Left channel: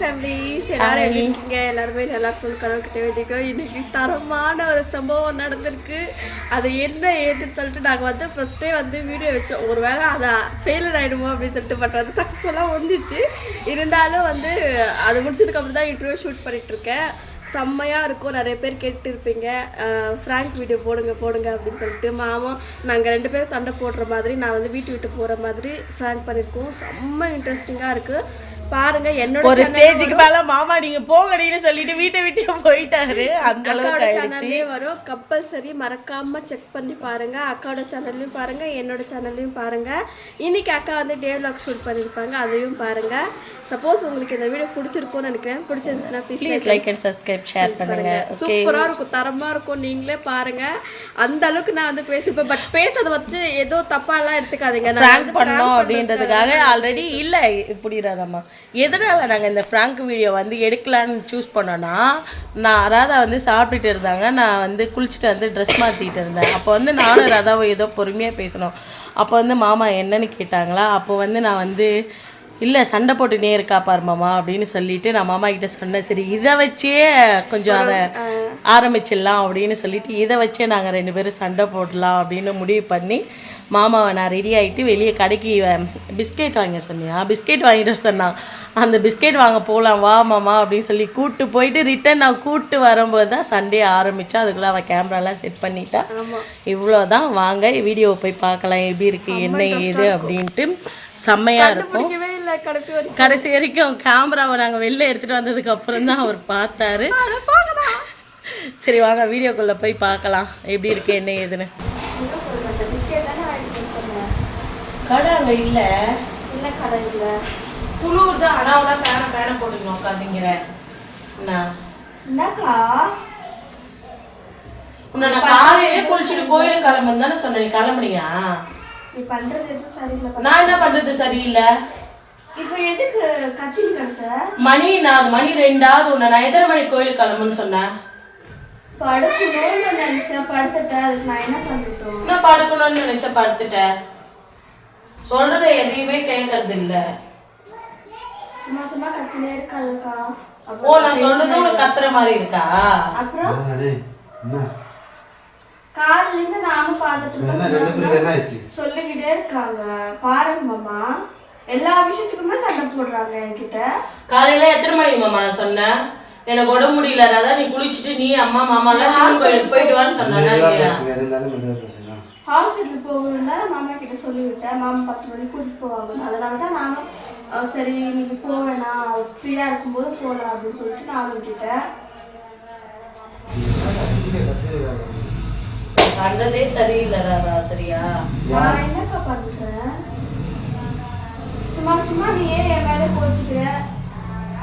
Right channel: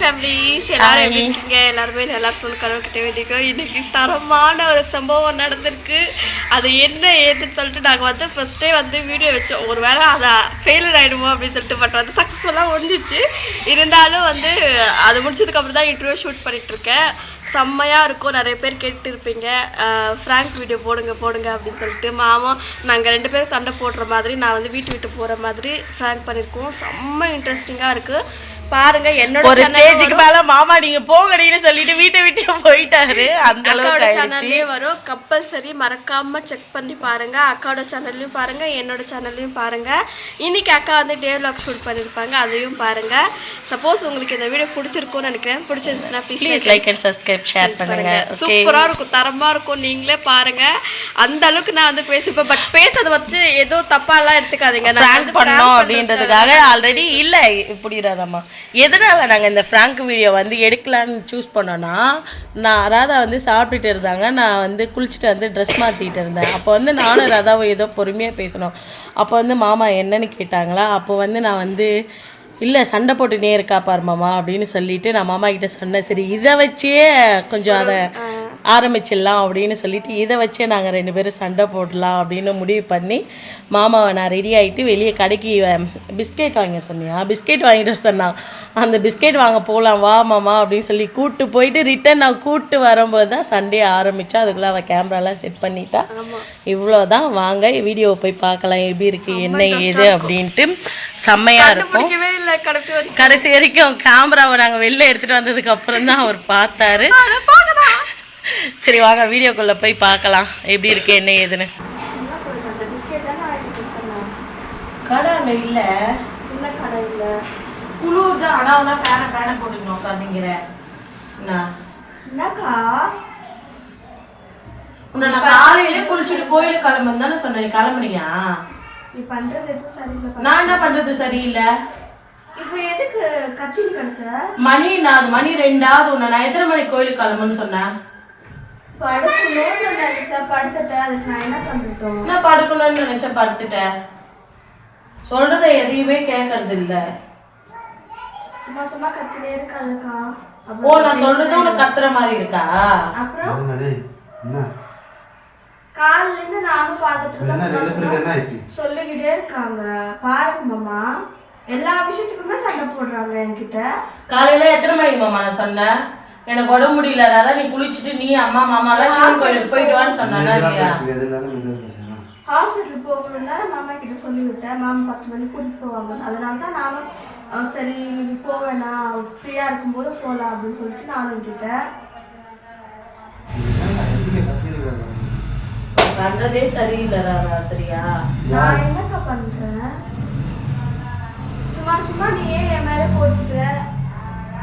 Families எல்லாரும் எப்படி இருக்கீங்க? எல்லாருமே நல்லா இருக்கணும் கடவுள்கிட்ட வேண்டிக்கோ. இன்னைக்கு தரமான ஒரு சம்பவம் நடந்திருக்கு. அது என்ன ஏதுன்னு சொல்லிட்டு நாங்கள் வந்து ஃபர்ஸ்டே வந்து வீடியோ வச்சோம். ஒரு வேளை அதை ஃபெயிலர் ஆகிடுமோ அப்படின்னு சொல்லிட்டு பட் வந்து சக்ஸஸ்ஃபுல்லாக முடிஞ்சிச்சு. இருந்தாலும் வந்து அது முடிச்சதுக்கப்புறம் தான் இன்டர்வியூ ஷூட் பண்ணிட்டு இருக்கேன். செம்மையாக இருக்கும். நிறைய பேர் கேட்டு இருப்பீங்க ஃப்ராங்க் வீடியோ போடுங்க போடுங்க அப்படின்னு சொல்லிட்டு. மாமா நாங்கள் ரெண்டு பேரும் சண்டை போடுற மாதிரி நான் வந்து வீட்டு விட்டு போகிற மாதிரி ஃப்ராங்க் பண்ணியிருக்கோம். செம்ம இன்ட்ரெஸ்டிங்காக இருக்குது பாருங்க என்னோட ஒரு ஸ்டேஜுக்கு மேல மாமா நீங்க போங்கடின்னு சொல்லிட்டு வீட்டை விட்டு போயிட்டாரு. அந்த அளவுக்கு சேனல்லே வரும். கம்பல்சரி மறக்காம செக் பண்ணி பாருங்க. அக்காவோட சேனல்லையும் பாருங்க என்னோட சேனல்லையும் பாருங்க. இன்னைக்கு அக்கா வந்து டே vlog ஷூட் பண்ணியிருப்பாங்க அதையும் பாருங்க. சப்போஸ் உங்களுக்கு இந்த வீடியோ பிடிச்சிருக்கும்னு நினைக்கிறேன். பிடிச்சிருந்துச்சுன்னா please like and subscribe share பண்ணுங்க. சூப்பரா இருக்கும் தரமா இருக்கும். நீங்களே பாருங்க. அந்த அளவுக்கு நான் வந்து பேசிப்பேன். பட் பேசுறத வச்சு ஏதோ தப்பா எல்லாம் எடுத்துக்காதீங்க. நான் பண்ணோம் அப்படின்றதுக்காக ஆல்ரெடி இல்ல புரியுறாதம்மா எதனால நாங்கள் இந்த ஃப்ராங்க் வீடியோ வந்து எடுக்கலான்னு சூஸ் பண்ணோன்னா நான் ராதா வந்து சாப்பிட்டுட்டு இருந்தாங்க. நான் வந்து குளிச்சுட்டு வந்து ட்ரெஸ் மாற்றிக்கிட்டு இருந்தேன். அப்போ வந்து நானும் ராதாவும் ஏதோ பொறுமையாக பேசணும். அப்போ வந்து மாமா என்னன்னு கேட்டாங்களா? அப்போ வந்து நான் வந்து இல்லை சண்டை போட்டுனே இருக்கா பாரு மாமா அப்படின்னு சொல்லிட்டு நான் மாமா கிட்ட சொன்னேன். சரி இதை வச்சே கொஞ்சம் அதை ஆரம்பிச்சிடலாம் அப்படின்னு சொல்லிட்டு இதை வச்சே நாங்கள் ரெண்டு பேரும் சண்டை போடலாம் அப்படின்னு முடிவு பண்ணி மாமாவை நான் ரெடி ஆகிட்டு வெளியே கடைக்கு பிஸ்கெட் வாங்க சொன்னியா? பிஸ்கெட் வாங்கிட்டு சொன்னான். அந்த பிஸ்கெட் வாங்க போகலாம் வா மாமா அப்படின்னு சொல்லி கூப்பிட்டு போயிட்டு ரிட்டன் நான் கூப்பிட்டு வரும்போது தான் சண்டே ஆரம்பித்தா அதுக்குள்ளே அவள் கேமராலாம் செட் பண்ணிட்டா. இவ்வளோதான் வாங்க வீடியோவை போய் பார்க்கலாம் எப்படி இருக்கு என்ன ஏது அப்படின்ட்டு செம்மையாக இருக்கும். கடைசி வரைக்கும். கேமராவை நாங்கள் வெளில எடுத்துகிட்டு வந்ததுக்கு அப்புறம் தான் அவர் பார்த்தாரு. சரி வாங்க வீடியோக்குள்ளே போய் பார்க்கலாம். எப்படி இருக்கு என்ன ஏதுன்னு. கடை அங்கே இல்லை. என்ன கடை இல்லை? குளிர் தான். ஆனால் ஃபேனை ஃபேனை போட்டுக்கணும் உட்காந்துங்கிற என்ன என்னக்கா? உன்னை நான் காலையிலே குளிச்சுட்டு கோயிலுக்கு கிளம்புன்னு தானே சொன்னேன். நீ கிளம்புனியா? நீ பண்றது எதுவும் சரியில்லை. நான் என்ன பண்ணுறது சரியில்லை? இப்போ எதுக்கு மணி நான் மணி ரெண்டாவது உன்னை நான் எத்தனை மணிக்கு கோயிலுக்கு கிளம்புன்னு சொன்னேன்? படுக்கணும்னு நினைச்சேன் படுத்துட்டேன். அதுக்கு நான் என்ன பண்ணிட்டோம்? என்ன படுக்கணும்னு நினைச்ச படுத்துட்டேன் சொல்றத எதையுமே கேட்கறது இல்ல. சும்மா சும்மா கத்திலே இருக்காதுக்கா ஓ நான் சொல்றது உனக்கு கத்துற மாதிரி இருக்கா? அப்புறம்? காலையில இருந்து நானும் பார்த்துட்டு இருக்கேன். சொல்லிக்கிட்டே இருக்காங்க. பாருங்க மாமா. எல்லா விஷயத்துக்குமே சண்டை போடுறாங்க என்கிட்ட. காலையில எத்தனை மணிக்கு மாமா நான் சொன்னேன்? எனக்கு உடம்பு முடியல அதான் நீ குளிச்சுட்டு நீ அம்மா மாமா எல்லாம் சிவன் கோயிலுக்கு போயிட்டு வான்னு சொன்னா ஹாஸ்பிட்டல் போகணும்னா மாமா கிட்ட சொல்லிவிட்டேன். மாமா பத்து மணிக்கு கூட்டிட்டு போவாங்க. அதனால தான் நானும் சரி இன்னைக்கு போக வேணாம். ஃப்ரீயா இருக்கும்போது போகலாம் அப்படின்னு சொல்லிட்டு நானும் விட்டுட்டேன். பண்றதே சரியில்லை ராதா சரியா? நான் என்னக்கா பண்றேன்? சும்மா சும்மா நீயே என் மேல கோச்சுக்கிற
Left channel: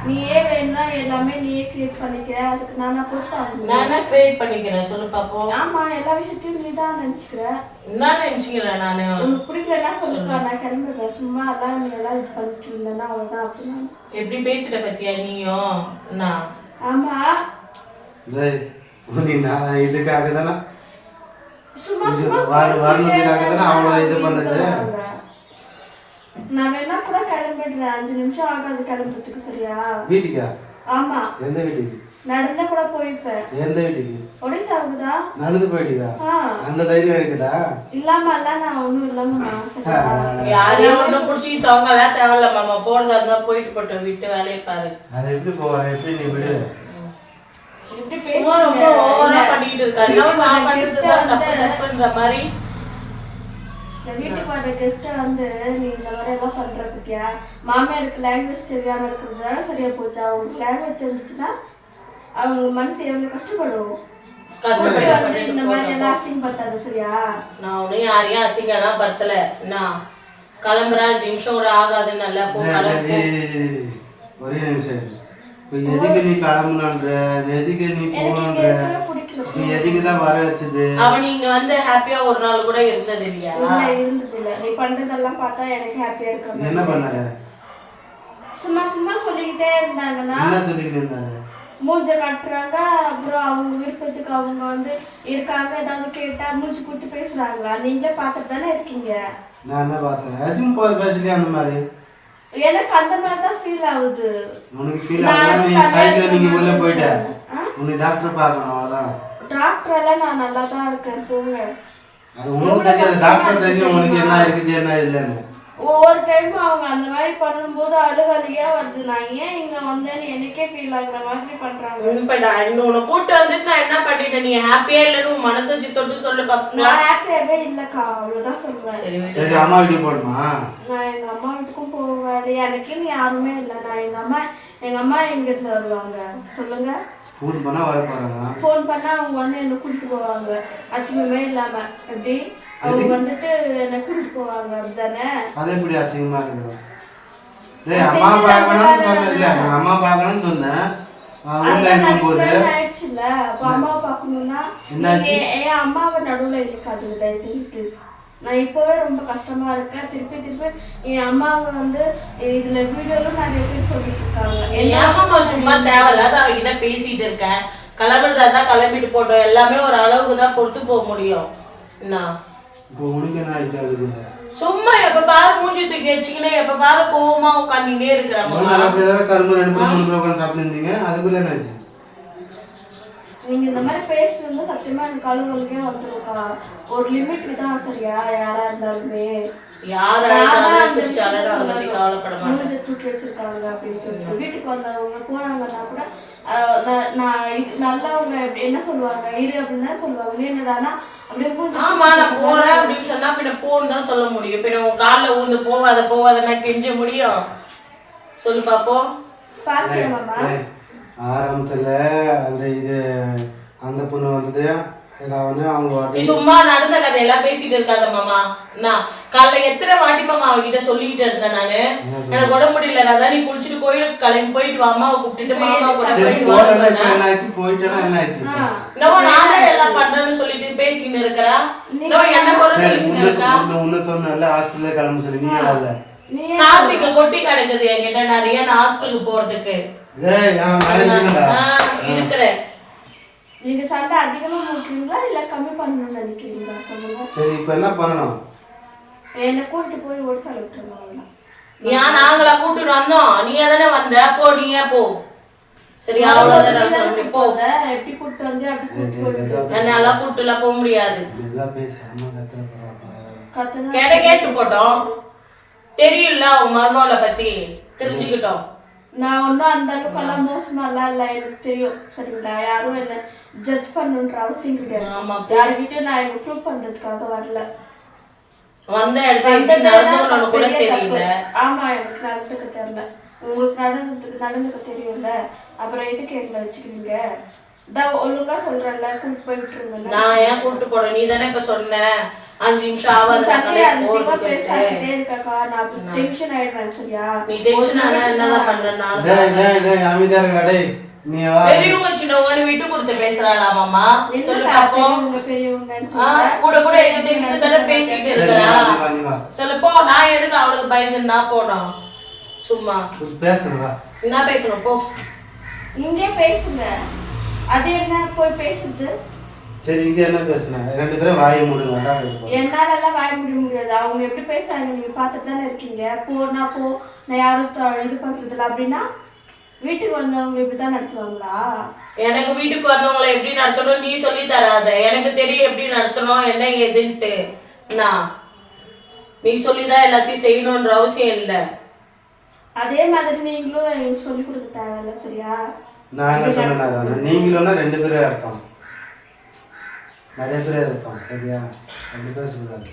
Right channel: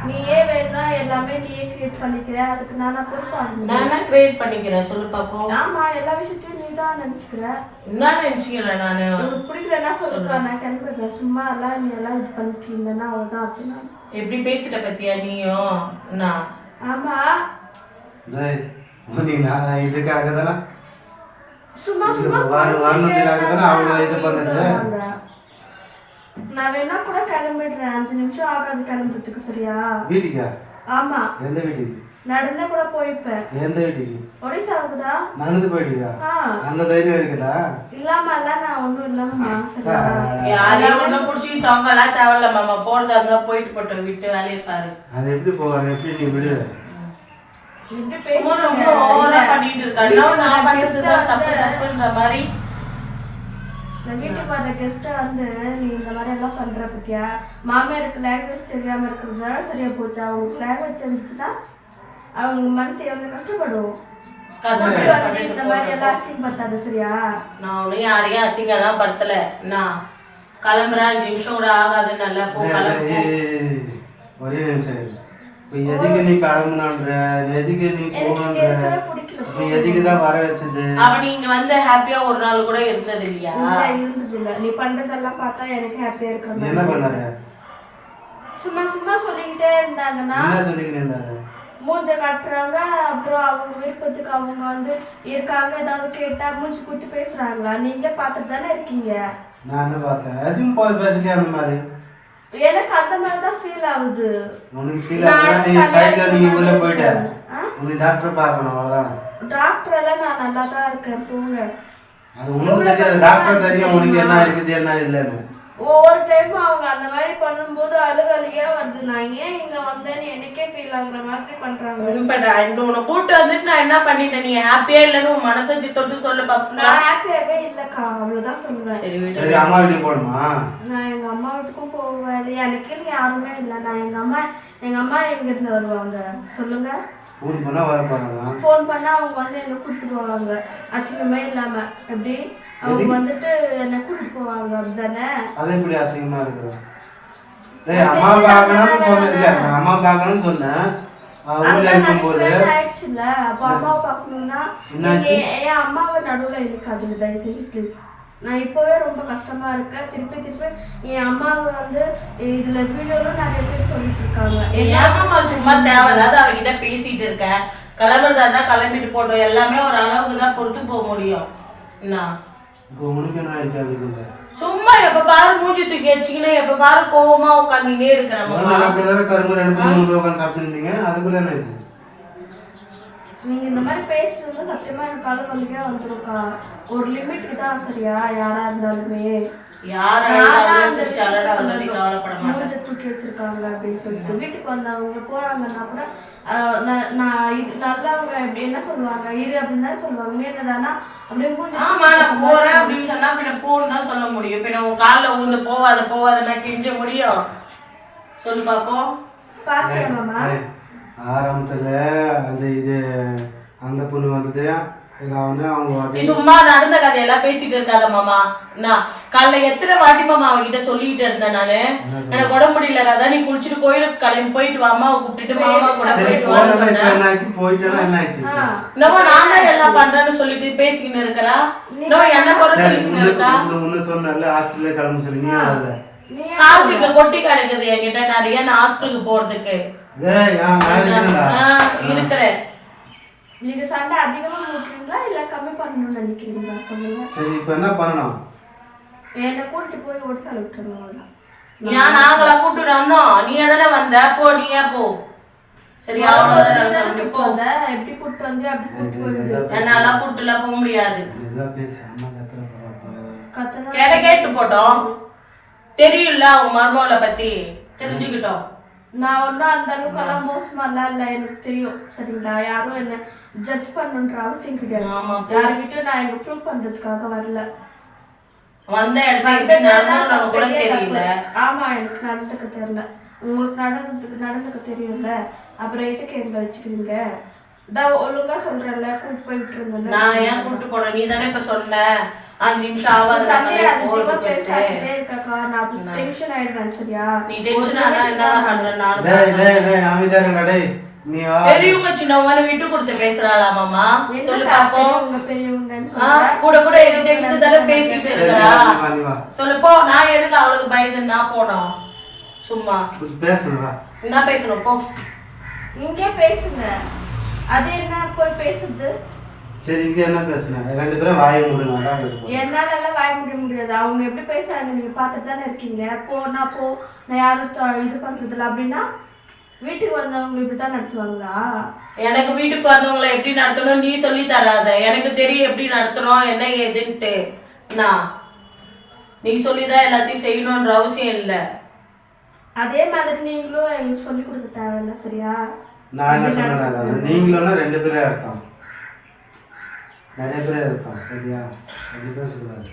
நீயே வேணும்னா எல்லாமே நீயே கிரியேட் பண்ணிக்கிற அதுக்கு நானா பொறுப்பாங்க நான் கிரியேட் பண்ணிக்கிறேன். சொல்லு பாப்போம். ஆமா எல்லா விஷயத்தையும் நீ தான் நினைச்சுக்கிற. என்ன நினைச்சுக்கிறேன் நானு? உனக்கு பிடிக்கலன்னா சொல்லுக்கா நான் கிளம்பிடுறேன். சும்மா எல்லாம் நீ எல்லாம் இது பண்ணிட்டு இருந்தேன்னா அவ்வளவுதான் அப்படின்னா எப்படி பேசிட்ட பத்தியா நீயும் என்ன? ஆமா. டேய், நீ நான் இதுக்காக தானே சும்மா சும்மா வர- வரணுங்கிறதுக்காக தானே அவ்வளோ இது பண்ணது. நான் வேணா கூட கிளம்பிடுறேன். அஞ்சு நிமிஷம் ஆகாது கிளம்புறதுக்கு சரியா? வீட்டுக்கா? ஆமா. எந்த வீட்டுக்கு? நடந்தா கூட போயிருப்பேன் எந்த வீட்டுக்கு? ஒடிசாவுக்கு தான் நடந்து போயிடுக்கா ஆ. அந்த தைரியம் இருக்குதா? இல்லாம எல்லாம் நான் ஒண்ணும் இல்லாம யாரையும் ஒன்றும் பிடிச்சிக்கிட்டவங்களாம் தேவையில்ல மாமா. போறதா இருந்தா போயிட்டு போட்டோம் விட்டு வேலையை பாரு. அது எப்படி போற? எப்படி நீ விடு? ரொம்ப ஓவரா பண்ணிட்டு இருக்காரு நான் பண்றதுதான் தப்பு தப்புன்ற மாதிரி வீட்டுக்கு வர கெஸ்ட்டை வந்து நீ இந்த மாதிரி எல்லாம் பண்ற பத்தியா? மாமியாருக்கு லாங்குவேஜ் தெரியாம இருக்கிறதுனால சரியா போச்சு? அவங்களுக்கு லாங்குவேஜ் தெரிஞ்சுச்சுன்னா அவங்க மனசு எவ்வளவு கஷ்டப்படும்? இந்த மாதிரி எல்லாம் அசிங்கப்பட்டாரு சரியா? நான் ஒன்றும் யாரையும் அசிங்கம்லாம் படுத்தல. நான் கிளம்புறேன் அஞ்சு நிமிஷம் கூட ஆகாதுன்னு நல்லா போ. ஒரே நிமிஷம். எதுக்கு நீ கிளம்புனான்ற? எதுக்கு நீ நீ எதுக்கு தான் வர வச்சது? அவன் நீங்க வந்து ஹாப்பியா ஒரு நாள் கூட இருந்தது இல்லையா? இல்ல இருந்தது இல்ல நீ பண்றதெல்லாம் பார்த்தா எனக்கு ஹாப்பியா இருக்க என்ன பண்ணாரு? சும்மா சும்மா சொல்லிக்கிட்டே இருந்தாங்கன்னா என்ன சொல்லிக்கிட்டு இருந்தாரு? மூஞ்ச கட்டுறாங்க. அப்புறம் அவங்க விருப்பத்துக்கு அவங்க வந்து இருக்காங்க. ஏதாவது கேட்டா மூஞ்சி கொடுத்து பேசுறாங்களா? நீங்களே பார்த்துட்டு தானே இருக்கீங்க? நான் என்ன பார்த்தேன்? எதுவும் பேசலையே அந்த மாதிரி. எனக்கு அந்த மாதிரி தான் ஃபீல் ஆகுது. உனக்கு ஃபீல் ஆகுதா? நீ சைக்கிள் நீங்க உள்ள போயிட்ட. உனக்கு டாக்டர் பார்க்கணும் அவ்வளோதான் டாக்டர் எல்லாம் நான் நல்லா தான் இருக்கேன். போங்க. அது உனக்கு தெரியாது. டாக்டர் தெரியும். உனக்கு என்ன இருக்குது என்ன இல்லைன்னு. ஒவ்வொரு டைம் அவங்க அந்த மாதிரி பண்ணும்போது அழுகலியா வருது. நான் ஏன் இங்க வந்தேன்னு எனக்கே ஃபீல் ஆகுற மாதிரி பண்றாங்க. நான் இன்னும் உன்னை கூட்டு வந்துட்டு நான் என்ன பண்ணிட்டேன்? நீ ஹாப்பியா இல்லைன்னு உன் மனசை தொட்டு சொல்ல பாப்பா. நான் ஹாப்பியாவே இல்லக்கா. அவ்வளவுதான் சொல்லுவேன். சரி அம்மா வீட்டுக்கு போகணுமா? நான் எங்க அம்மா வீட்டுக்கும் போவேன். எனக்குன்னு யாருமே இல்லை. நான் எங்க அம்மா எங்க அம்மா எங்க இருந்து வருவாங்க? சொல்லுங்க. ஊருக்கு போனா வர போறாங்க ஃபோன் பண்ணா அவங்க வந்து என்னை கூட்டிட்டு போவாங்க. அசிங்கமே இல்லாம. எப்படி? அவங்க வந்துட்டு என்னை கூட்டிட்டு போவாங்க அப்படிதானே அது எப்படி அசிங்கமா அம்மா பார்க்கணும்னு சொன்னேன். இல்ல நான் அம்மா பார்க்கணும்னு சொன்னேன். நான் ஊர்ல இருக்கும்போது ஆயிடுச்சுல அப்ப அம்மாவை பார்க்கணும்னா என்னாச்சு? நீங்க என் அம்மாவை நடுவுல இருக்காது தயவு செஞ்சு ப்ளீஸ் நான் இப்போவே ரொம்ப கஷ்டமா இருக்கேன். திருப்பி திருப்பி என் அம்மாவை வந்து இதுல வீடியோல நிறைய பேர் சொல்லிட்டு இருக்காங்க. ஏமா சும்மா தேவையில்லாத அவகிட்ட பேசிட்டு இருக்கேன். கிளம்புறதா இருந்தா கிளம்பிட்டு போட்டோம். எல்லாமே ஒரு அளவுக்கு தான் பொறுத்து போக முடியும். என்ன? இப்போ உனக்கு என்ன ஆயிடுச்சு அதுக்குள்ள சும்மா எப்ப பாரு மூஞ்சி தூக்கி வச்சுக்கினு எப்ப பாரு கோவமா உட்காந்துட்டே இருக்கிறாங்க கரும்பு ரெண்டு முன்னே உட்காந்து சாப்பிட்டுருந்தீங்க? அதுக்குள்ள என்ன ஆச்சு நீங்க இந்த மாதிரி பேசுறது சத்தியமா எனக்கு கால வலிக்கே வந்துருக்கா ஒரு லிமிட்க்கு தான் சரியா? யாரா இருந்தாலுமே. தூக்கி வச்சிருக்காங்க அப்படின்னு சொல்லிட்டு. வீட்டுக்கு வந்தவங்க போறாங்கன்னா கூட நான் நான் இது நல்லவங்க எப்படி என்ன சொல்லுவாங்க? இரு அப்படின்னு தான் சொல்லுவாங்க. என்னடானா அப்படியே ஆமா நான் போறேன் அப்படின்னு சொன்னா பின்ன போன்னு தான் சொல்ல முடியும். பின்ன உன் கால்ல ஊந்து போவாத போவாதன்னா கெஞ்ச முடியும். சொல்லு பாப்போம். பாத்தியா மாமா? ஆரம்பத்துல அந்த இது அந்த பொண்ணு வந்தது. ஏதாவது அவங்க சும்மா நடந்த கதையெல்லாம் பேசிட்டு இருக்காத மாமா. நான் காலைல எத்தனை வாட்டி மாமா அவகிட்ட சொல்லிட்டு இருந்தேன் நானு? எனக்கு உடம்பு முடியல. அதான் நீ குளிச்சுட்டு கோயிலுக்கு கிளம்பி போயிட்டு வா அம்மாவை கூப்பிட்டுட்டு மாமா கூட போயிட்டு இப்போ? என்னமோ நான் தான் எல்லாம் பண்றேன்னு சொல்லிட்டு பேசிக்கின்னு இருக்கிறா. என்ன சொல்லிக்கின்னு முன்ன இருக்கா. சொன்னல ஹாஸ்பிட்டலே கிளம்ப சொல்லி நீ கொட்டி கிடக்குது என்கிட்ட நிறைய நான் ஹாஸ்பிட்டலுக்கு போறதுக்கு. இருக்கிறேன். நீங்க சண்டை அதிகமா போட்டுறீங்களா இல்ல கம்மி பண்ணணும்னு நினைக்கிறீங்களா? சொல்லுங்க. சரி இப்போ என்ன பண்ணணும்? என்னை கூட்டிட்டு போய் ஒரு சாலை விட்டுருங்க அவ்வளவுதான். ஏன் நாங்களா கூப்பிட்டு வந்தோம். நீ தானே வந்த? போ நீயே போ? சரியா அவ்வளவுதான் சொல்றேன். போ. எப்படி கூட்டிட்டு வந்து அப்படி கூட்டிட்டு போய். என்னால கூட்டுலாம் போக முடியாது. கேட கேட்டு போட்டோம். தெரியும்ல அவங்க மர்மோல பத்தி. தெரிஞ்சுக்கிட்டோம். நான் ஒன்றும் அந்த அளவுக்கு எல்லாம் மோசமாலாம் இல்லை. எனக்கு தெரியும். சரிங்களா? யாரும் என்ன ஜட்ஜ் பண்ணணுன்ற அவசியம் கிடையாது. ஆமா. யார்கிட்டயும் நான் எனக்கு ப்ரூவ் பண்றதுக்காக வரல. வந்த இடத்துல நம்ம கூட தெரியல. தப்பு. ஆமா எனக்கு நடந்துக்க தெரியல. உங்களுக்கு நடந்ததுக்கு நடந்துக்க தெரியும்ல. அப்புறம் எதுக்கு எங்களை வச்சுக்கிறீங்க? ஒழுங்கா சொல்றேன்ல விட்டுருங்க நான் ஏன் கூட்டு போறேன் நீ தானே இப்ப சொன்ன. அஞ்சு நிமிஷம் பேசாதே இருக்கக்கா? நான் டென்ஷன் ஆயிடுவேன் சரியா? நீ டென்ஷன் ஆனா என்னதான் டேய் டேய் அமைதியா இருங்க டேய். நீ வா. பெரியவங்க சின்னவங்க விட்டு கொடுத்து பேசுறாளா மாமா சொல்லு என்னக்கா பாப்போம். பெரியவங்க பெரியவங்கன்னு ஆ, சொல்ற? கூட கூட எடுத்து எடுத்து தானே பேசிட்டு இருக்கிறா? நான் எதுக்கு அவளுக்கு பயந்து நான் போனோம். சும்மா. பேசுங்க என்ன பேசணும் போ. இங்கே பேசுங்க. அது என்ன போய் பேசுது? சரி இங்க என்ன பேசுனாங்க ரெண்டு பேரும் வாயை மூடுங்க அதான் பேச போறோம். என்னால எல்லாம் வாய முடிய முடியாது. அவங்க எப்படி பேசுறாங்க? நீங்க பார்த்துட்டு தானே இருக்கீங்க. போ நான் போ நான் யாரும் தொ- இது பண்றது இல்ல. அப்படின்னா வீட்டுக்கு வந்தவங்க இப்படிதான் நடத்துவாங்களா? எனக்கு வீட்டுக்கு வந்தவங்களை எப்படி நடத்தணும்? நீ சொல்லி தராத. எனக்கு தெரியும் எப்படி நடத்தணும் என்ன ஏதுன்ட்டு. என்ன நீ சொல்லிதான் எல்லாத்தையும் செய்யணுன்ற அவசியம் இல்லை. அதே மாதிரி நீங்களும் எனக்கு சொல்லி கொடுக்க தேவையில்ல சரியா? நான் என்ன சொன்னேன் நீங்களும்னா ரெண்டு பேரே இருப்பாங்க நிறைய பேரே இருப்பாங்க சரியா? ரெண்டு பேரும் சொல்றாரு.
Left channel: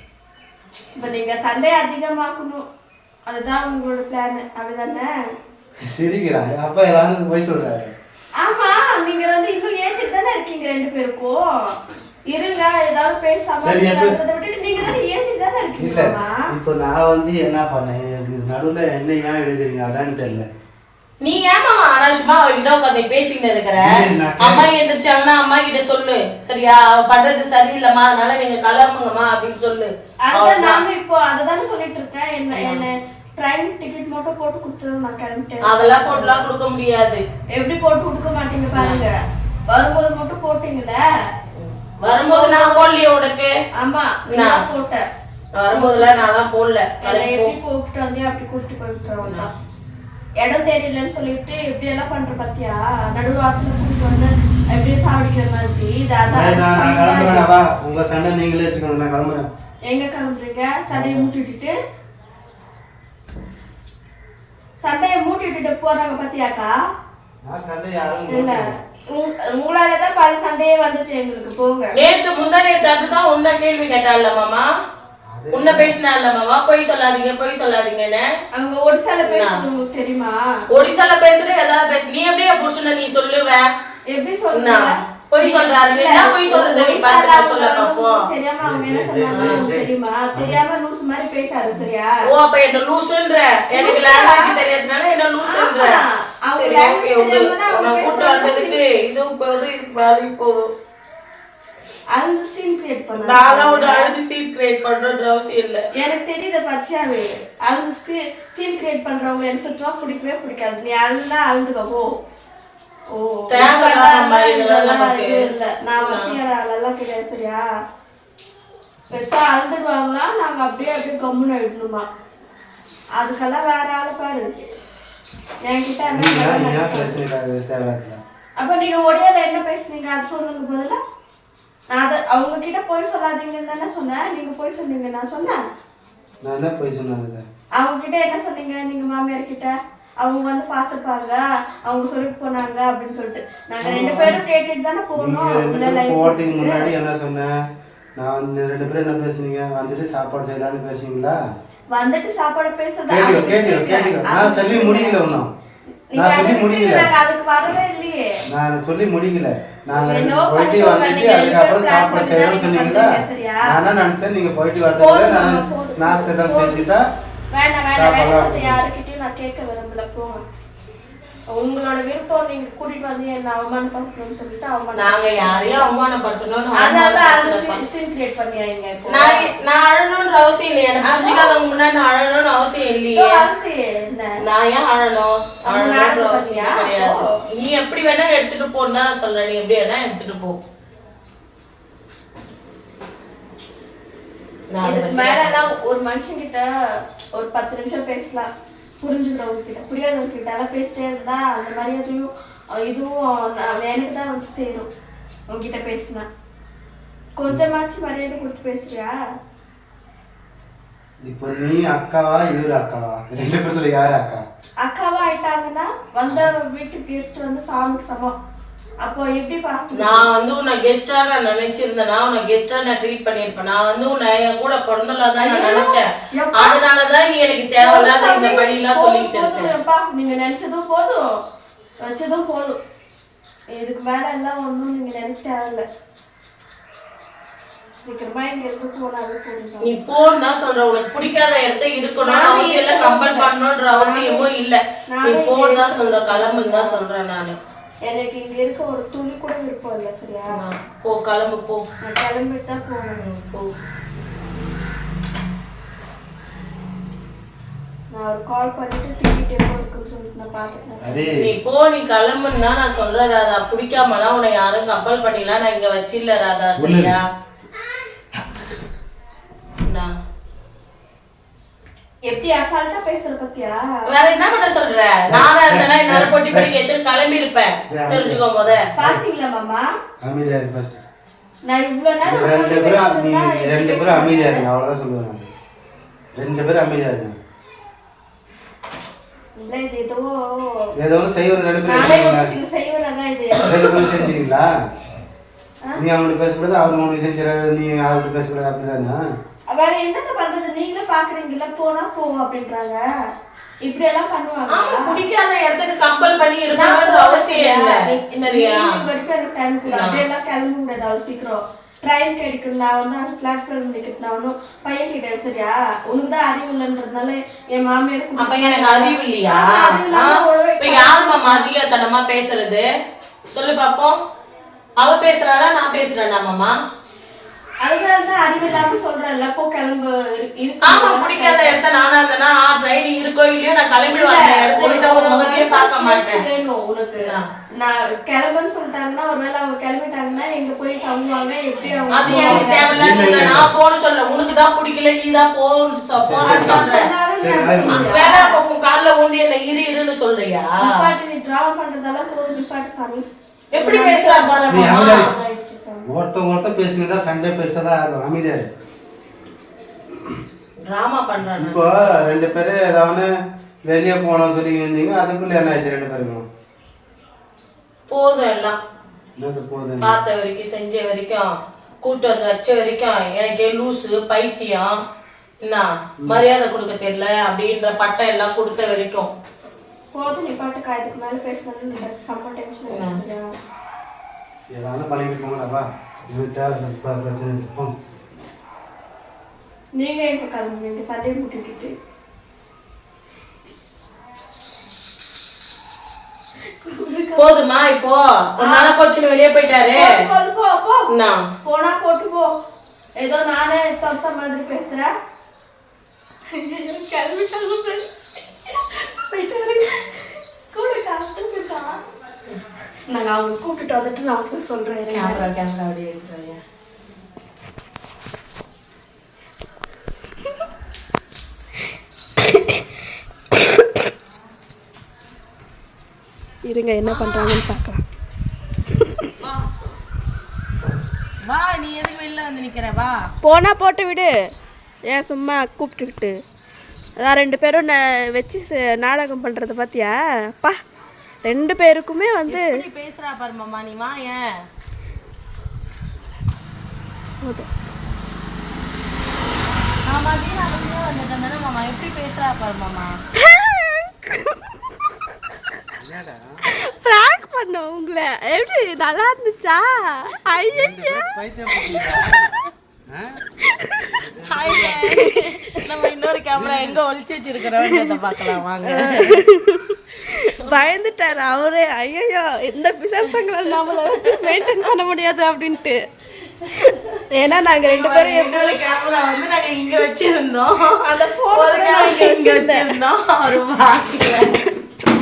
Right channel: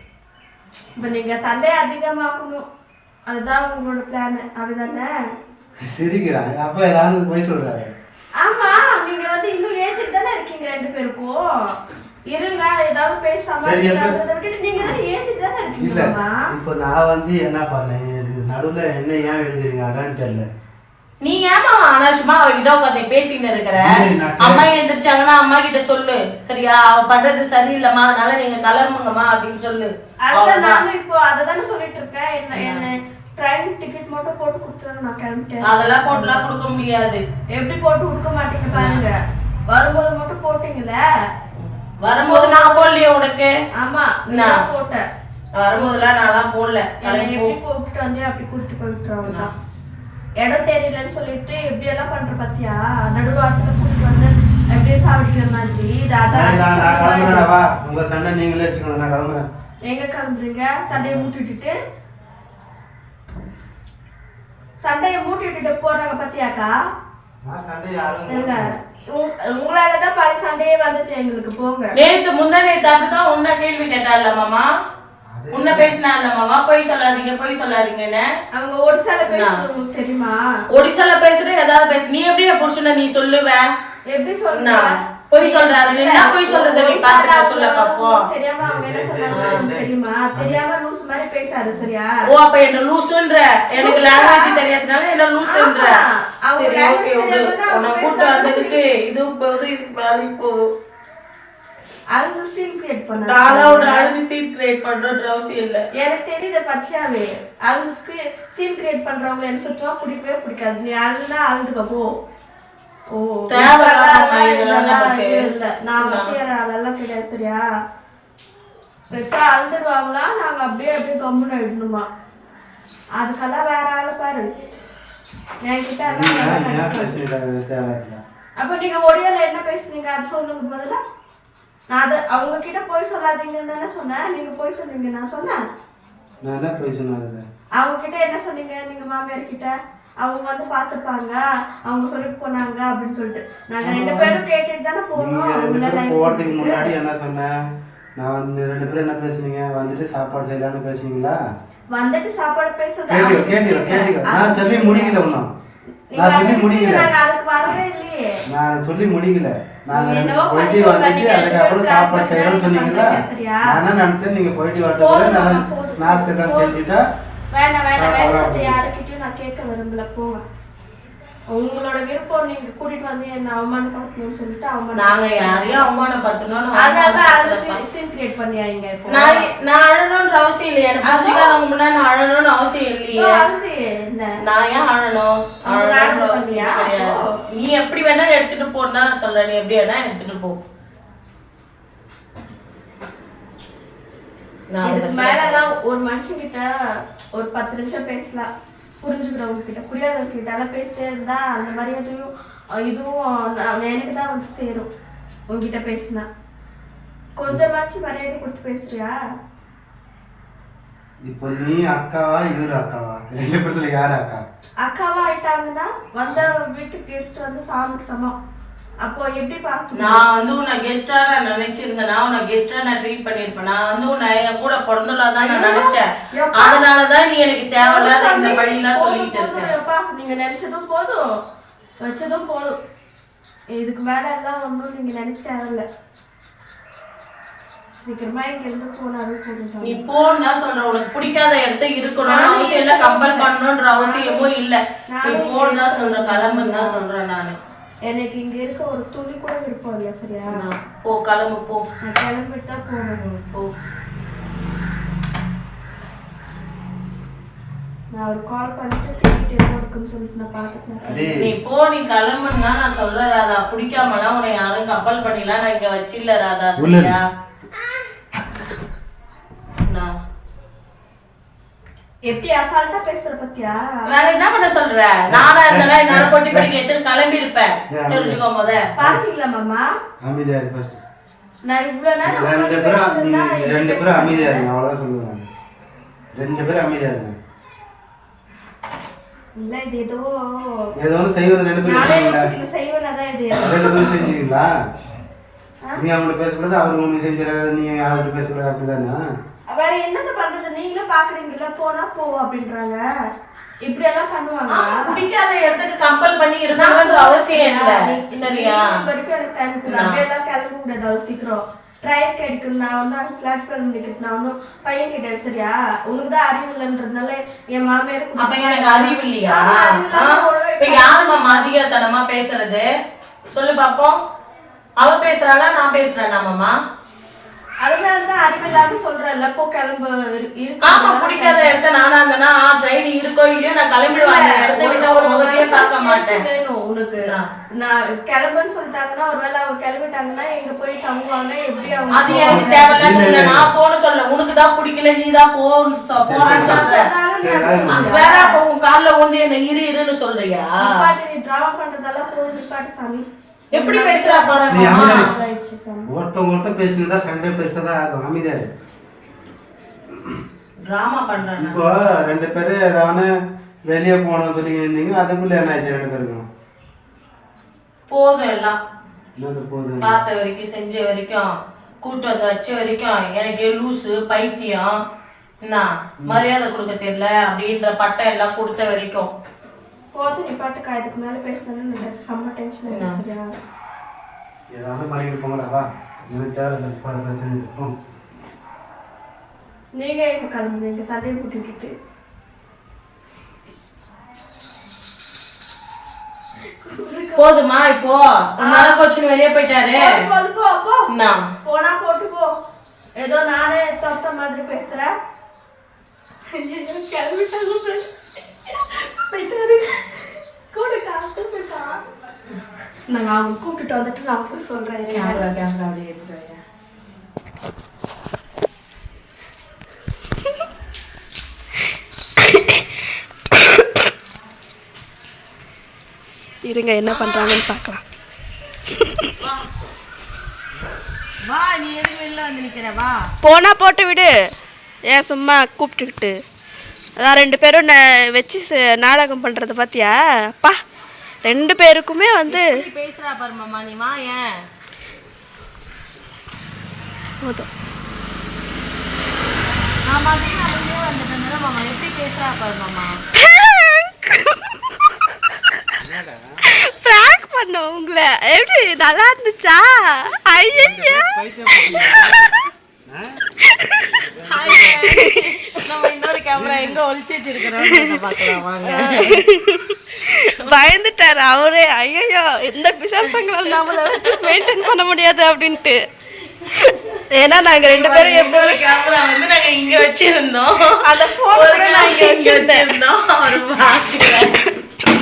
இப்ப நீங்க சண்டையை அதிகமாக்கணும். அதுதான் உங்களோட பிளான் அப்படிதானே சிரிக்கிறாங்க அப்ப ஏதாவது போய் சொல்றாரு. ஆமா நீங்க வந்து இன்னும் ஏஞ்சிட்டு தானே இருக்கீங்க ரெண்டு பேருக்கும். இருங்க ஏதாவது பேசாம நீங்க தானே இருக்கீங்க இல்ல. இப்போ நான் வந்து என்ன பண்ணேன்? நடுவுல என்ன ஏன் எழுதுறீங்க? அதான்னு தெரியல. நீ ஏமா அனாவசியமா அவகிட்ட உட்காந்து பேசிக்கிட்டு இருக்கிற? நான் அம்மா எந்திரிச்சாங்கன்னா அம்மா கிட்ட சொல்லு. சரியா? அவ பண்றது சரியில்லைம்மா அதனால நீங்க கிளம்புங்கம்மா அப்படின்னு சொல்லு. நாங்க இப்போ அததானே சொல்லிட்டு இருக்கேன். என்ன என்ன ட்ரெயின் டிக்கெட் மட்டும் போட்டு கொடுத்துருங்க நான் கிளம்பிட்டேன். அதெல்லாம் போட்டுலாம் கொடுக்க முடியாது. எப்படி போட்டு கொடுக்க மாட்டீங்க பாருங்க. வரும்போது மட்டும் போட்டீங்கல்ல வரும்போது நான் போடலையே உனக்கு. ஆமா நான் போட்டேன். வரும்போதெல்லாம் நான்லாம் போடல. கூப்பிட்டு வந்து அப்படி கூப்பிட்டு தான் இடம் தெரியலன்னு சொல்லிட்டு எப்படி எல்லாம் பண்ற பாத்தியா? நடுவாரத்துல கூட்டிட்டு வந்து எப்படியே சாவடிக்கிற மாதிரி? உங்க சண்டை நீங்களே வச்சுக்கோங்க நான் கிளம்புறேன். எங்க கிளம்புறீங்க? சண்டையை மூட்டி விட்டுட்டு. சண்டையை மூட்டி விட்டுட்டு போறாங்க பாத்தியாக்கா? உங்களாலதான் பல சண்டையே வந்துச்சு எங்களுக்கு போங்க. நேத்து முந்தா நேத்து உன்ன கேள்வி கேட்டால மாமா. உன்ன பேசினால மாமா? பொய் சொல்லாதீங்க பொய் சொல்லாதீங்கன்னு அவங்க ஒடிசால பேசுறது உங்களுக்கு தெரியுமா? ஒடிசால பேசுற ஏதாவது பேசு. நீ எப்படி புருஷனை நீ சொல்லுவ? எப்படி? சொல்லுங்க பொய் சொல்றாரு. என்ன பொய் சொல்றது? நீ பாத்துக்க சொல்ல பாப்போம். தெரியாம அவங்க என்ன சொன்னாங்க தெரியுமா? தெரியாம லூஸ் மாதிரி பேசாது சரியா? ஓ அப்ப என்ன லூசுன்ற? எனக்கு லாங்குவேஜ் தெரியாதனால என்ன. அவங்க சரி ஓகே உனக்கு கூட்டு வந்ததுக்கு இதுவும் போதும் இது பாதி போதும். அது சீன் கிரியேட் பண்ண நானும் அழுது சீன் கிரியேட் பண்றது அவசியம் இல்ல. எனக்கு தெரியுது பச்சையாவே. அவங்க சீன் கிரியேட் பண்றவங்க எனக்கு சுத்தமா பிடிக்கவே பிடிக்காது நீ அழுந்தா அழுந்துக்க போ. ஓ தேவையில்லாம இதெல்லாம் இல்ல. நான் வசிக்கிற ஆளெல்லாம் கிடையாது சரியா? பெருசா அழுந்துடுவாங்களா நாங்க அப்படியே அப்படியே கம்முன்னு ஆயிடணுமா? அதுக்கெல்லாம் வேற ஆளை பாரு. என்கிட்ட அப்ப நீங்க ஒடியால என்ன பேசுனீங்க? அது சொல்லுங்க முதல்ல. நான் அது அவங்க கிட்ட போய் சொல்லாதீங்கன்னு தானே சொன்னேன். நீங்க போய் சொன்னீங்க நான் சொன்னேன். நான் என்ன போய் சொன்னது அவங்க கிட்ட என்ன சொன்னீங்க? நீங்க மாமியார் கிட்ட அவங்க வந்து பாத்துப்பாங்க அவங்க சொல்லிட்டு போனாங்க அப்படின்னு சொல்லிட்டு. நாங்க ரெண்டு பேரும் கேட்டுட்டு தானே போனோம். போறதுக்கு. முன்னாடி என்ன சொன்னேன்? நான் வந்து ரெண்டு பேரும் என்ன பேசுனீங்க? வந்துட்டு சாப்பாடு செய்யலாம்னு பேசுனீங்களா? வந்துட்டு சாப்பாடு பேசுறது. கேட்டுக்கோ அது நான் சொல்லி முடிக்கல இன்னும். நீங்க நான் சொல்லி நாங்க அதுக்கு வரவே நான் சொல்லி முடிக்கல. நாங்க போயிட்டு வந்துட்டு அதுக்கப்புறம் சாப்பாடு பண்ணி சொன்னீங்களா? நான் தான் நினைச்சேன் நீங்க போயிட்டு வரதுக்குள்ள நான் ஸ்நாக்ஸ் எல்லாம். செஞ்சுட்டா வேண்டாம் வேண்டாம் வேண்டாம். யாருக்கிட்டையும் நான் கேட்க விரும்பல. போங்க உங்களோட விருப்பம் நீங்க கூட்டிட்டு வந்து என்ன அவமானப்படுத்தணும்னு சொல்லிட்டு அவமானம் நாங்க யாரையும் அவமானப்படுத்தணும்னு அதனால சீன் கிரியேட் பண்ணியாங்க நான் நான் அழணும்ன்ற அவசியம் இல்லையே புரிஞ்சுக்காதவங்க முன்னாடி நான் அழணும்னு அவசியம் இல்லையே. நான் ஏன் அழணும் அவசியம்? கிடையாது? நீ எப்படி வேணா எடுத்துட்டு போன்னு தான் நான் சொல்றேன். நீ எப்படி வேணா எடுத்துட்டு போ. இதுக்கு பத்தி மேல எல்லாம் ஒரு மனுஷங்கிட்ட ஒரு பத்து நிமிஷம் பேசலாம். புரிஞ்சுக்கிறவங்க கிட்ட புரியாதவங்க கிட்ட எல்லாம் பேசிட்டே இருந்தா அந்த மரியாதையும் அஹ், இதுவும் எனக்கு தான் வந்து சேரும். உங்ககிட்ட பேசினா. கொஞ்சமாச்சும் மரியாதை கொடுத்து பேசுறியா? இப்போ நீ அக்காவா இவரு அக்காவா ரெண்டு பேர்த்துல யாரு அக்கா? அக்காவா ஆயிட்டாங்கன்னா வந்த வீட்டுக்கு கெஸ்ட் வந்து சாமிக்கு சமம். அப்போ எப்படி பார்த்து நான் வந்து உன்னை கெஸ்டா நான் நினைச்சிருந்தேன். நான் உன்னை கெஸ்டா நான் ட்ரீட் பண்ணிருப்பேன் நான் வந்து உன்னை என் கூட பிறந்தலா தான் நான் நினைச்சேன்? அதனாலதான் நீ எனக்கு தேவையில்லாத இந்த வழியெல்லாம் சொல்லிட்டு போதும், இருக்க போதும், எப்பா. நீங்க நினைச்சதும் போதும். வச்சதும் போதும். இதுக்கு மேல எல்லாம் ஒண்ணும் நீங்க நினைக்க தேவையில்ல. நீ போன்னு தான் சொல்றேன் உனக்கு பிடிக்காத இடத்த இருக்கணும்னு நானும் அவசியம் இல்ல கம்பல் பண்ணணுன்ற அவசியமும் இல்ல. நீ போன்னு தான் சொல்றேன் கிளம்புன்னு தான் சொல்றேன் நானு. எனக்கு இங்க இருக்க ஒரு துணி கூட விருப்பம் இல்லை சரியா? நான் போ கிளம்பு போ. கிளம்பிட்டு தான் போகணும். போ. நான் ஒரு கால் பண்ணிட்டு டிக்கெட் எப்போ இருக்குன்னு சொல்லிட்டு நான் பார்த்துட்டேன் நீ போ நீ கிளம்புன்னு தான் நான் சொல்றேன் ராதா. பிடிக்காமனா உன்னை யாரும் கம்பல் பண்ணிலாம் நான் இங்க வச்சில்ல ராதா. சரியா நான் எப்படி அசால்ட்டா பேசுற பத்தியா? வேற என்ன பண்ண சொல்ற? நானா இருந்தாலும் என்னால பொட்டி படிக்க எத்தனை கிளம்பி இருப்பேன் தெரிஞ்சுக்கோ முத. பாத்தீங்களா மாமா? அமைதியா இரு ஃபர்ஸ்ட் நான் இவ்வளவு நேரம் ரெண்டு பேரும் நீ ரெண்டு பேரும்? அமைதியா இருங்க அவ்வளவுதான் சொல்லுவேன். ரெண்டு பேரும் அமைதியா இருங்க. இல்ல இது ஏதோ ஏதோ ஒன்று செய்வது ரெண்டு பேரும் செய்வனதான் இது. ரெண்டு பேரும் செஞ்சீங்களா நீ அவனுக்கு பேசக்கூடாது அவனுக்கு உனக்கு செஞ்சிட நீ அவருக்கு பேசக்கூடாது அப்படிதானே? வேற என்னத்த பண்றது? நீங்களே பாக்குறீங்கல்ல போனா போ அப்படின்றாங்க. இப்படி எல்லாம் பண்ணுவாங்க பிடிக்காத இடத்துக்கு கம்பல் பண்ணி இருக்கணும்ன்ற அவசியம் இல்ல. சரியா அப்படியெல்லாம் கிளம்ப முடியாது அவ்வளவு சீக்கிரம். ட்ரெயின் கிடைக்கும் நான் வந்து அந்த பிளாட்ஃபார்ம் டிக்கெட் நான் ஒன்றும் பையன் கிட்ட சரியா? உனக்கு தான் அறிவு இல்லைன்றதுனால என் மாமியார் அப்ப எனக்கு அறிவு இல்லையா? இப்ப யாரும்மா மதியத்தனமா பேசுறது? சொல்லு பாப்போம். அவ பேசுறாளா நான் பேசுறேனா மாமா? அதனாலதான் அறிவில்லாம சொல்றேன்ல போ கிளம்பு. ஆமா பிடிக்காத இடத்த நானா இருந்தேன்னா ட்ரைனிங் இருக்கோ இல்லையோ நான் கிளம்பிடுவேன். அந்த இடத்த விட்டு ஒரு முகத்தையே பார்க்க மாட்டேன். வேணும் உனக்கு. நான் கிளம்புன்னு சொல்லிட்டாங்கன்னா ஒருவேளை அவங்க கிளம்பிட்டாங்கன்னா எங்க போய் தங்குவாங்க எப்படி அவங்க அது எனக்கு தேவையில்ல நான் போன சொல்ல உனக்கு தான் பிடிக்கல நீ தான் போன்னு சொல்றேன். வேற உன் கால்ல என்ன இரு இருன்னு சொல்றியா? நிப்பாட்டு, நீ டிராமா பண்றதெல்லாம் போதும் நிப்பாட்டு சாமி. எப்படி பேசுறா பாரு நீ மாமா. அமைதியா இரு. ஆயிடுச்சு சாமி. ஒருத்தன் ஒருத்தன் பேசுனதா சண்டை பெருசாதான் ஆகும். அமைதியா இரு. டிராமா பண்றானே? இப்போ ரெண்டு பேரும் ஏதாவது வெளியே போனோம்னு சொல்லி இருந்தீங்க அதுக்குள்ள என்ன ஆச்சு ரெண்டு பேருக்கும்? போதும் எல்லாம். பார்த்த வரைக்கும் செஞ்ச வரைக்கும் கூட்டு வந்து வச்ச வரைக்கும் எனக்கு லூசு பைத்தியம். என்ன? மரியாதை கொடுக்க தெரியல அப்படின்ற பட்டம் எல்லாம் கொடுத்த வரைக்கும். போதும் நிப்பாட்டு காயத்துக்கு மேல பேசணும்னு செம்ம டென்ஷன் ஆயிடுச்சு ஏதாவது இப்போ பிரச்சனை இருக்கும் நீங்க எங்க கிளம்புவீங்க சண்டையை கூட்டிட்டு போதுமா இப்போ? நாள கோச்சுன்னு வெளியே போயிட்டாரு. போது போனா போட்டு போ. ஏதோ நானே தொத்த மாதிரி பேசுறேன். கிளம்பிட்டாலும் நான் அவங்க கூப்பிட்டு வந்துட்டு நான் சொல்றேன். இருங்க. கேமரா கேமரா அப்படியே எடுத்துறாங்க இருங்க என்ன பண்றாங்கன்னு பார்க்கலாம். வா நீ எதுக்கு வெளில வந்து நிக்கிற? வா. போனா போட்டு விடு. ஏன் சும்மா கூப்பிட்டுக்கிட்டு? அதான் ரெண்டு பேரும் வச்சு நாடகம் பண்றது பார்த்தியா? பா. ரெண்டு பேருக்குமே வந்து நீ பேசுறா பாரு மாமா நீ வா ஏன்? போதும். பிராங்க் பண்ண உங்களை. எப்படி நல்லா இருந்துச்சா? ஐயோ நம்ம இன்னொரு கேமரா எங்க ஒளிச்சு வச்சிருக்கிறோம் பார்க்கலாம் வாங்க. பயந்துட்டாரு அவரே. ஐயோ இந்த பிசாசங்களை நம்மள வச்சு மெயின்டைன் பண்ண முடியாது அப்படின்ட்டு. ஏன்னா நாங்க ரெண்டு பேரும் எப்படி கேமரா வந்து நாங்க இங்க வச்சிருந்தோம். அந்த போன் நான் இங்க வச்சிருந்தேன்.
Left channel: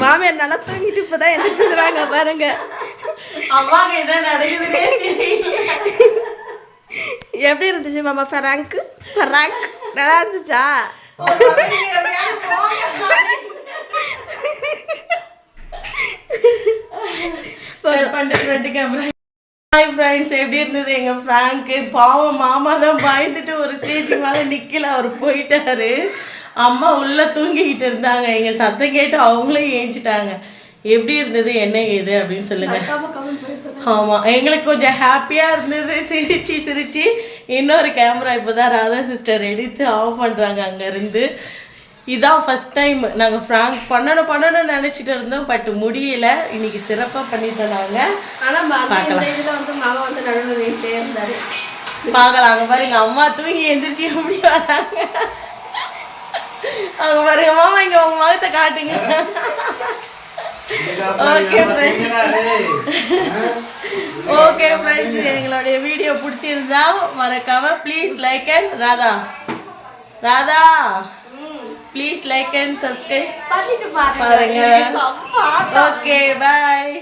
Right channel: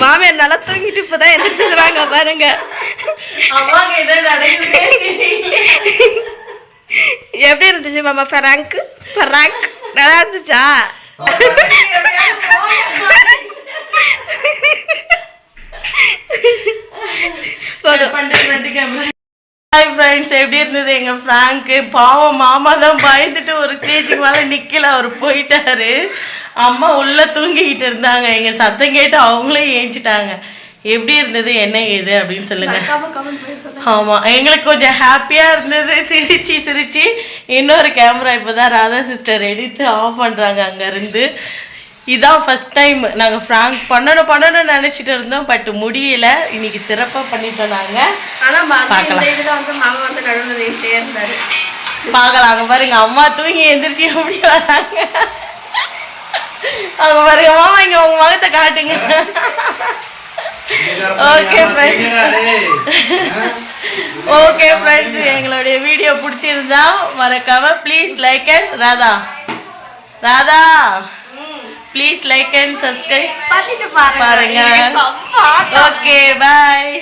மாமியார் நல்லா தூங்கிட்டு இப்பதான் எந்திரிச்சுக்கிறாங்க பாருங்க. அம்மா கிட்ட நடக்குதே தெரியல. எப்படி இருந்துச்சு மாமா ஃபராங்க் ஃபராங்க் நல்லா இருந்துச்சா? ஹாய் ஃப்ரெண்ட்ஸ் எப்படி இருந்தது எங்கள் ஃப்ராங்க்கு பாவம் மாமா தான் பயந்துட்டு ஒரு ஸ்டேஜுக்கு மேலே நிற்கல அவர் போயிட்டாரு. அம்மா உள்ளே தூங்கிக்கிட்டு இருந்தாங்க. எங்கள் சத்தம் கேட்டு அவங்களே ஏஞ்சிட்டாங்க. எப்படி இருந்தது என்ன ஏது அப்படின்னு சொல்லுங்க. ஆமாம் எங்களுக்கு கொஞ்சம் ஹாப்பியாக இருந்தது. சிரிச்சு சிரிச்சு. இன்னொரு கேமரா இப்போ தான் ராதா சிஸ்டர் எடுத்து ஆஃப் பண்ணுறாங்க அங்கேருந்து. இதான் ஃபர்ஸ்ட் டைம் நாங்கள் ஃப்ராங்க் பண்ணணும் பண்ணணும்னு நினச்சிட்டு இருந்தோம் பட் முடியல. இன்னைக்கு சிறப்பாக பண்ணிட்டோம் நாங்கள் ஆனா மதியம் பார்க்கலாம். இதுல வந்து மாமா வந்து நடுவில் நின்றுட்டே இருந்தாரு. பார்க்கலாம். அங்க பாருங்க அம்மா தூங்கி எந்திரிச்சு எப்படி வராங்க. அங்க பாருங்க மாமா இங்க உங்க முகத்தை காட்டுங்க. Okay, friends. ஓகே ஃப்ரெண்ட்ஸ் எங்களுடைய வீடியோ பிடிச்சிருந்தா மறக்காம please like and Radha. Radha please like and subscribe பண்ணிட்டு பாருங்க. Okay bye